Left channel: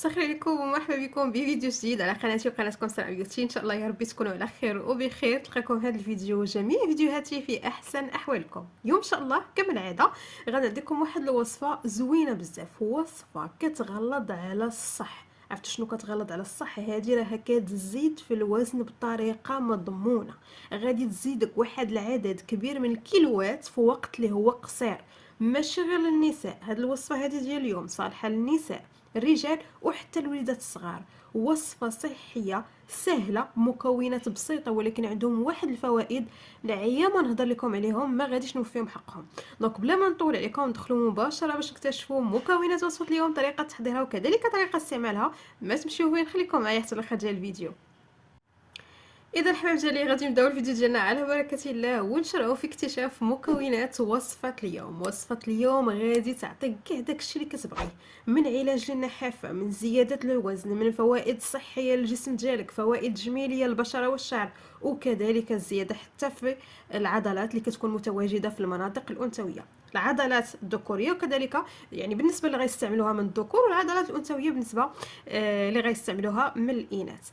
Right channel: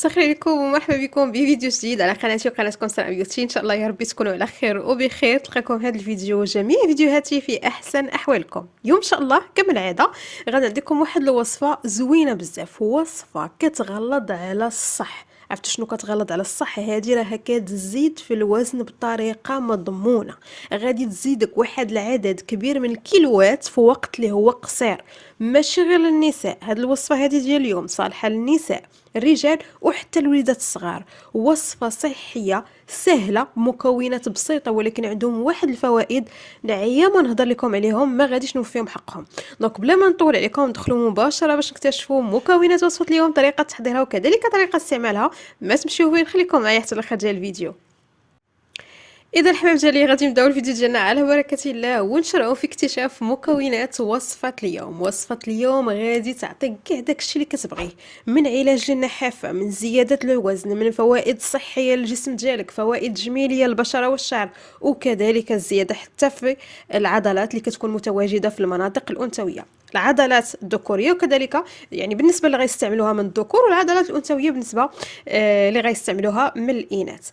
مساء الخير عليكم ومرحبا بكم بفيديو جديد على قناتي وقناتكم سلام بيوتي. ان شاء الله يا ربي تكونوا على خير وبخير. تلقاكم هذا الفيديو جميع فيديوهاتي في احسن احوالكم. اليوم ان شاء الله كما العاده غادي نديكم واحد الوصفه زوينه بزاف، وصفه كتغلظ على الصح. عرفتوا شنو كتغلظ على الصح؟ هذه راها كتزيد في الوزن بطريقه مضمونه، غادي تزيدك واحد العدد كبير من الكيلوات في وقت اللي هو قصير. ماشي غير للنساء، هاد الوصفه هذه ديال اليوم صالحه للنساء، الرجال وحتى الوليدات الصغار. وصفة صحية سهلة، مكونات بسيطة، ولكن عندهم واحد الفوائد نعيا ما نهضر لكم عليهم ما غاديش نوفيهم حقهم. دونك بلا ما نطول عليكم ندخلوا مباشرة باش نكتشفوا مكونات وصفة اليوم، طريقة تحضيرها وكذلك طريقة استعمالها. ما تمشيو وين، خليكم معايا حتى الاخر ديال الفيديو. اذا الحباب ديالي غادي نبداو الفيديو ديالنا على بركه الله ونشرعوا في اكتشاف مكونات وصفه اليوم. وصفه اليوم غادي تعطيك كاع داكشي اللي كتبغيه، من علاج للنحافه، من زياده الوزن، من فوائد صحيه للجسم ديالك، فوائد جميليه للبشره والشعر، وكذلك الزياده حتى في العضلات اللي كتكون متواجده في المناطق الانثويه، العضلات الذكوريه وكذلك يعني بالنسبه اللي غيستعملوها من الذكور، والعضلات الانثويه بالنسبه اللي غيستعملوها من الاناث.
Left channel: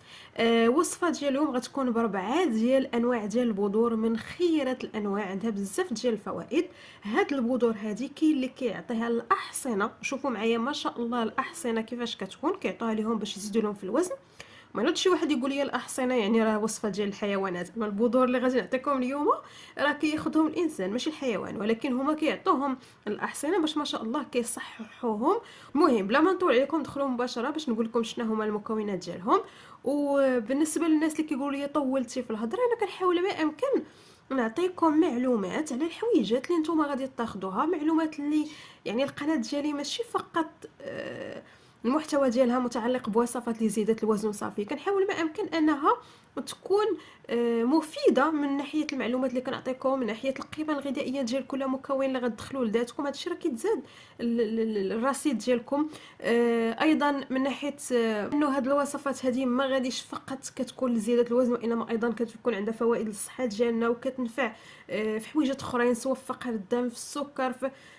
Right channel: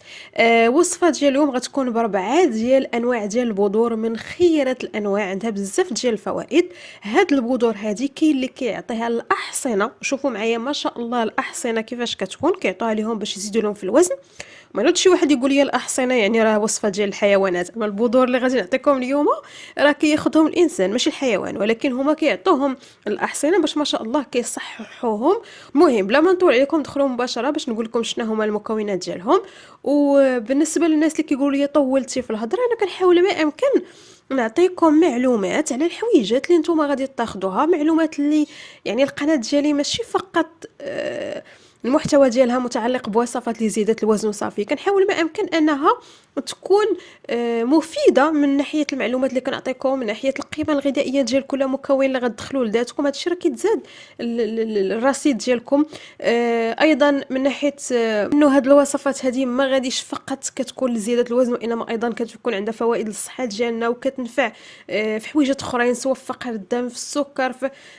وصفه ديال اليوم غتكون ب4 ديال انواع ديال البذور من خيرة الانواع، عندها بزاف ديال الفوائد. هاد البذور هادي كاين اللي كيعطيها الاحصنه، شوفوا معايا ما شاء الله الاحصنه كيفاش كتكون، كيعطوها لهم باش يزيدوا لهم في الوزن. ما نوض شي واحد يقول لي الاحصنه يعني راه وصفه ديال الحيوانات، اما البذور اللي غادي نعطيكم اليوم راه كياخذهم الانسان ماشي الحيوان، ولكن هما كيعطوهم الاحصنه باش ما شاء الله كيصححوهم. المهم بلا ما نطول عليكم ندخلوا مباشره باش نقول لكم شنو هما المكونات ديالهم. وبالنسبه للناس اللي كيقولوا لي طولتي في الهضره، انا كنحاول ما امكن نعطيكم معلومات على الحويجات اللي نتوما غادي تاخذوها، معلومات اللي يعني القناه ديالي ماشي فقط المحتوى ديالها متعلق بوصفات لزيادة الوزن وصافي. كنحاول ما امكن انها تكون مفيده من ناحيه المعلومات اللي كنعطيكم، من ناحيه القيمه الغذائيه ديال كل مكون اللي غتدخلوا لذاتكم. هادشي راه كيتزاد الرصيد ديالكم. ايضا من ناحيه انه هاد الوصفات هذه ما غاديش فقط كتكون لزياده الوزن، وانما ايضا كتكون عندها فوائد للصحه ديالنا وكتنفع في حويجات اخرين سواء في فقر الدم، في السكر،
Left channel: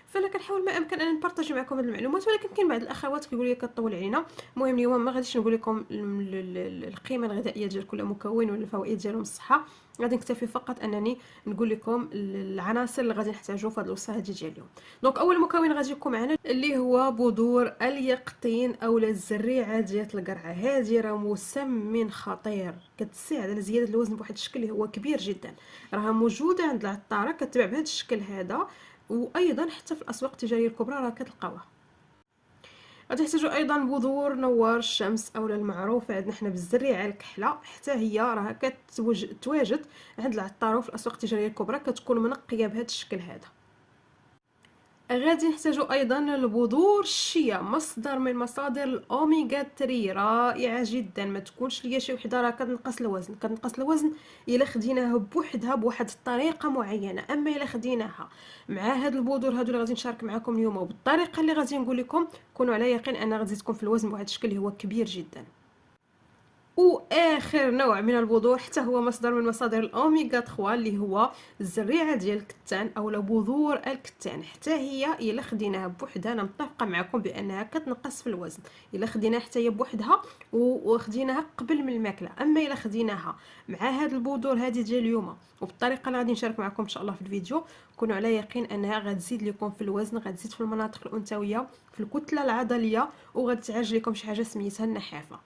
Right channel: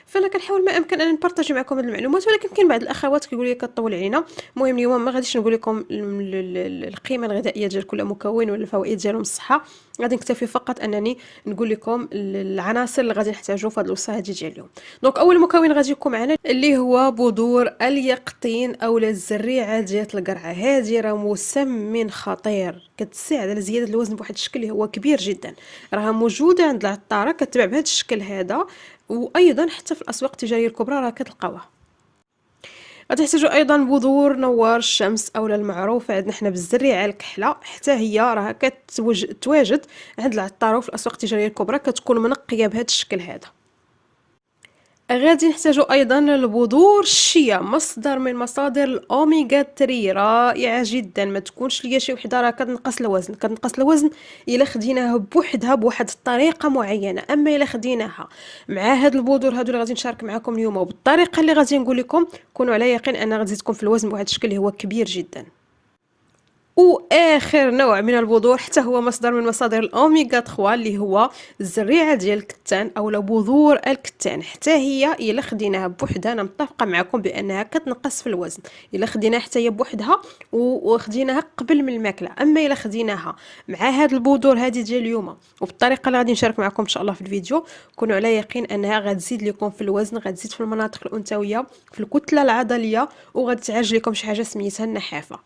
فانا كنحاول ما امكن ان نبارطاجي معكم هاد المعلومات، ولكن كاين بعض الاخوات كيقولوا لي كطول علينا. المهم اليوم ما غاديش نقول لكم القيمه الغذائيه ديال كل مكون ولا الفوائد ديالهم الصحه، غادي نكتفي فقط انني نقول لكم العناصر اللي غادي نحتاجو في هذه الوصفه هذه ديال اليوم. دونك اول مكون غادي يكون معنا اللي هو بذور اليقطين اولا الزريعه ديال القرعه. هذه راه مسمن خطير، كتساعد على زياده الوزن بواحد الشكل اللي هو كبير جدا. راها موجوده عند العطاره كتباع بهذا الشكل هذا، وايضا حتى في الاسواق التجاريه الكبرى راه كتلقاوها. غتحتاجوا ايضا بذور نوار الشمس اولا المعروفه عندنا حنا بالزريعه الكحله، حتى هي راها كتواجد عند العطار وفي الاسواق التجاريه الكبرى، كتكون منقيه بهذا الشكل هذا. غادي نحتاجو ايضا البذور الشيا، مصدر من مصادر الاوميغا 3 رائعه جدا. ما تكونش ليا شي وحده راه كتنقص الوزن، كتنقص الوزن الا خديناها بوحدها بواحد الطريقه معينه، اما الا خديناها مع هاد البذور هادو اللي غادي نشارك معكم اليوم وبالطريقه اللي غادي نقول لكم، كونوا على يقين ان غتزيدكم في الوزن بواحد الشكل اللي هو كبير جدا. واخر نوع من البذور حتى هو مصدر من مصادر الاوميغا 3 اللي هو الزريعه ديال الكتان اولا بذور الكتان. حتى هي الا خديناها بوحدها انا متفقه معكم بانها كتنقص في الوزن الا خديناها حتى هي بوحدها وخديناها قبل من الماكله، اما الا خديناها مع هاد البذور هذه ديال اليوم وبالطريقه اللي غادي نشارك معكم ان شاء الله في الفيديو، كونوا على يقين انها غتزيد لكم في الوزن، غتزيد في المناطق الانثويه، في الكتله العضليه، وغادي تعالج لكم شي حاجه سميتها النحافه.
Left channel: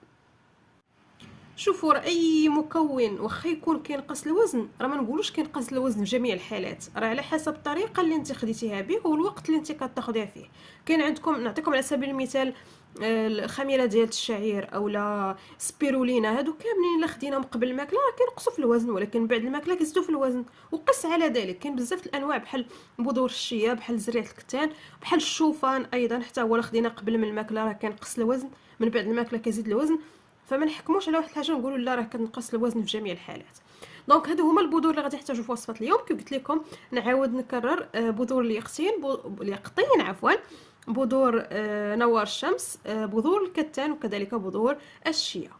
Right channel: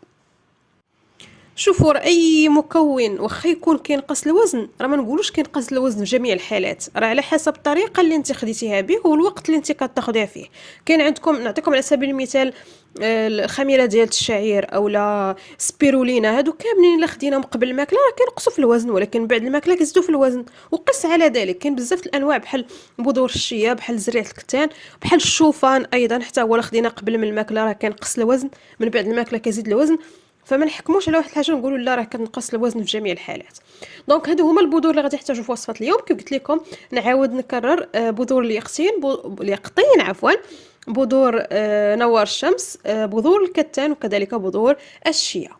شوفوا راه اي مكون واخا يكون كينقص الوزن، راه ما نقولوش كينقص الوزن في جميع الحالات، راه على حسب الطريقه اللي انت خديتيها به والوقت اللي انت كتاخديها فيه. كاين عندكم نعطيكم على سبيل المثال الخميره ديال الشعير اولا سبيرولينا، هادو كاملين الا خديناهم قبل الماكله راه كينقصوا في الوزن، ولكن بعد الماكله كيزيدوا في الوزن. وقس على ذلك كاين بزاف الانواع بحال بذور الشيا، بحال زريعه الكتان، بحال الشوفان ايضا حتى هو الا خدينا قبل من الماكله راه كينقص الوزن، من بعد الماكله كيزيد الوزن. فما نحكموش على واحد الحاجه نقولوا لا راه كتنقص الوزن في جميع الحالات. دونك هادو هما البذور اللي غادي تحتاجوا في وصفه اليوم. كيف قلت لكم نعاود نكرر، بذور اليقطين عفوا، بذور نوار الشمس، بذور الكتان، وكذلك بذور الشيا.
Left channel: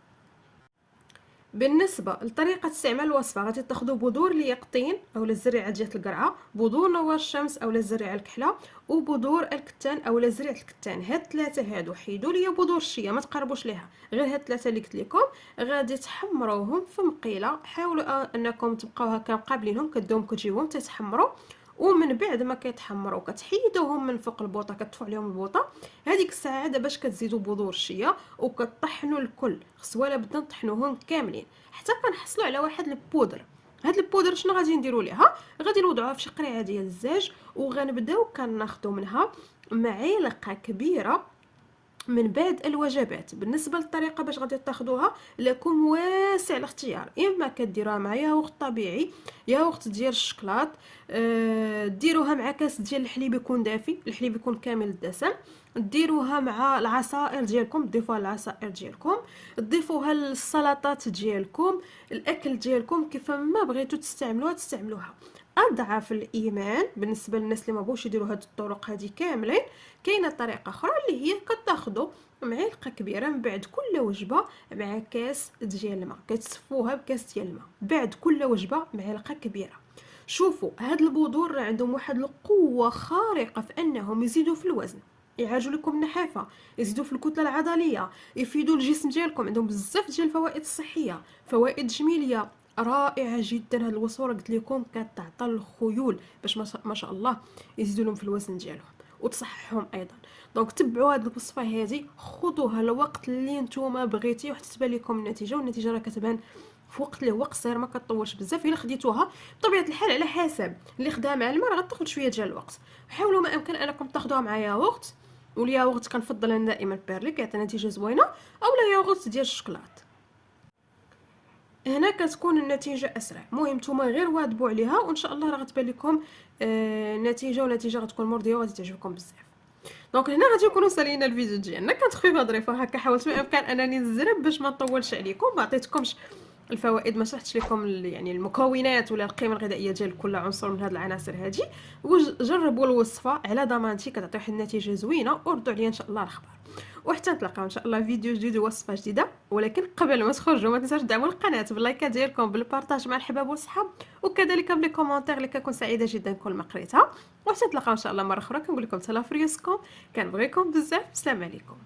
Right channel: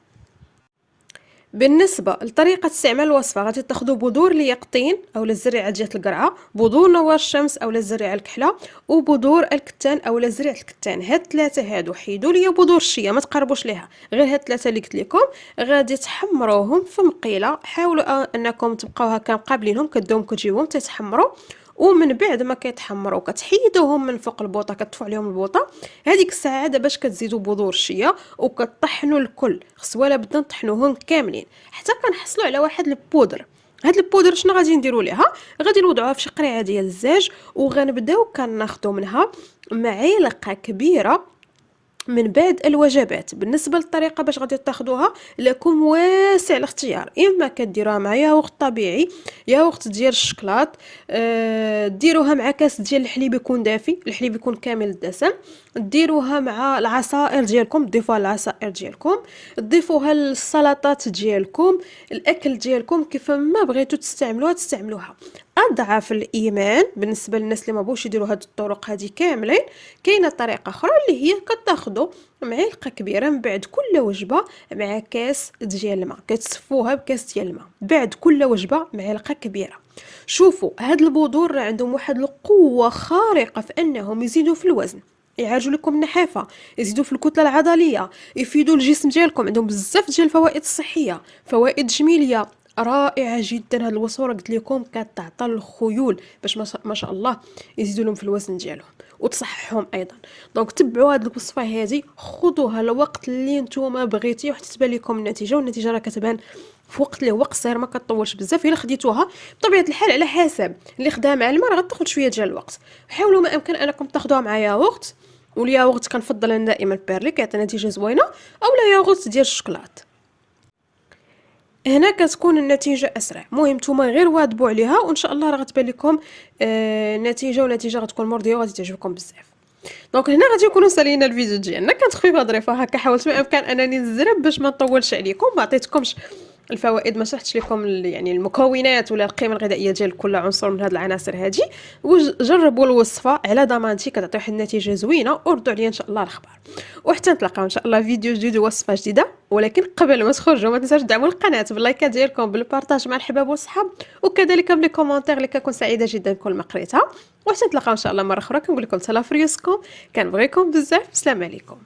بالنسبة لطريقة استعمال الوصفة، غادي تاخدوا بذور اليقطين أو الزريعة ديال القرعة، بذور نوار الشمس أو الزريعة الكحلة، وبذور الكتان أو زريعة الكتان. هاد الثلاثة هادو حيدوا ليا بذور الشيا، ما تقربوش ليها، غير هاد الثلاثة اللي قلت لكم. غادي تحمروهم في مقيلة، حاولوا انكم تبقاو هكا مقابلينهم، كدوهم كتجيوهم تيتحمروا. ومن بعد ما كيتحمروا كتحيدوهم من فوق البوطه، كتطفوا عليهم البوطه. هذيك الساعه باش كتزيدوا بذور الشيا وكطحنوا الكل، خص ولا بدنا نطحنوهم كاملين حتى كنحصلوا على واحد البودر. هاد البودر شنو غادي نديروا ليها؟ غادي نوضعوها في شي قريعه ديال الزاج، وغنبداو كناخذوا منها معلقه كبيره من بعد الوجبات. بالنسبه للطريقه باش غادي تاخدوها، لكم واسع الاختيار، اما كديروها مع ياغورت طبيعي، ياغورت ديال الشكلاط، ديروها مع كاس ديال الحليب يكون دافي، الحليب يكون كامل الدسم، ديروها مع العصائر ديالكم، ضيفوها للعصائر ديالكم، ضيفوها للسلطات ديالكم، الاكل ديالكم كيف ما بغيتو تستعملوها. اضعف الايمان بالنسبه للناس اللي ما بغوش يديروا هاد الطرق هذه كاملين، كاينه طريقه اخرى اللي هي كتاخذوا معلقه كبيره من بعد كل وجبه مع كاس ديال الماء، كتصفوها بكاس ديال الماء بعد كل وجبه معلقه كبيره. شوفوا هاد البذور راه عندهم واحد القوه خارقه في انهم يزيدوا في الوزن، يعالجوا لكم النحافه، يزيدوا في الكتله العضليه، يفيدوا الجسم ديالكم، عندهم بزاف ديال الفوائد الصحيه، فوائد جميليه رائعه جدا. هاد الوصفه قلت لكم كتعطى الخيول باش ما شاء الله يزيدوا لهم في الوزن ديالهم وتصححهم ايضا. دونك تبعوا هاد الوصفه هذه، خذوها الوقت اللي نتوما بغيتيه حتى تبان لكم النتيجه، والنتيجه راه كتبان في وقت اللي هو قصير، ما كطولش بزاف. الا خديتوها بطبيعه الحال على حسب اللي خداها مع الماء راه غتاخذ شويه ديال الوقت. حاولوا ما امكن انكم تاخذوها مع ياغورت، والياغورت كنفضل انا دائما البيرلي كيعطي نتيجه زوينه، اولا ياغورت ديال الشكلاط، هنا كتكون النتيجه اسرع. المهم نتوما غير واظبوا عليها وان شاء الله راه غتبان لكم النتيجه، ونتيجه غتكون مرضيه وغادي تعجبكم بزاف. دونك هنا غادي نكونوا سالينا الفيديو ديالنا. كانت خفيفه ظريفه هكا، حاولت ما امكن انني نزرب باش ما نطولش عليكم، ما عطيتكمش الفوائد، ما شرحتش لكم يعني المكونات ولا القيمه الغذائيه ديال كل عنصر من هذه العناصر هذه. وجربوا الوصفه على ضمانتي، كتعطي واحد النتيجه زوينه، وردوا عليا ان شاء الله الاخبار. وحتى نتلاقاو ان شاء الله فيديو جديد ووصفه جديده. ولكن قبل ما تخرجوا ما تنساوش تدعموا القناه باللايكات ديالكم، بالبارطاج مع الحباب والصحاب، وكذلك بلي كومونتير اللي كنكون سعيده جدا كل ما قريتها. وحتى نتلاقاو ان شاء الله مره اخرى، كنقول لكم تهلا في ريوسكم، كنبغيكم بزاف، السلام عليكم.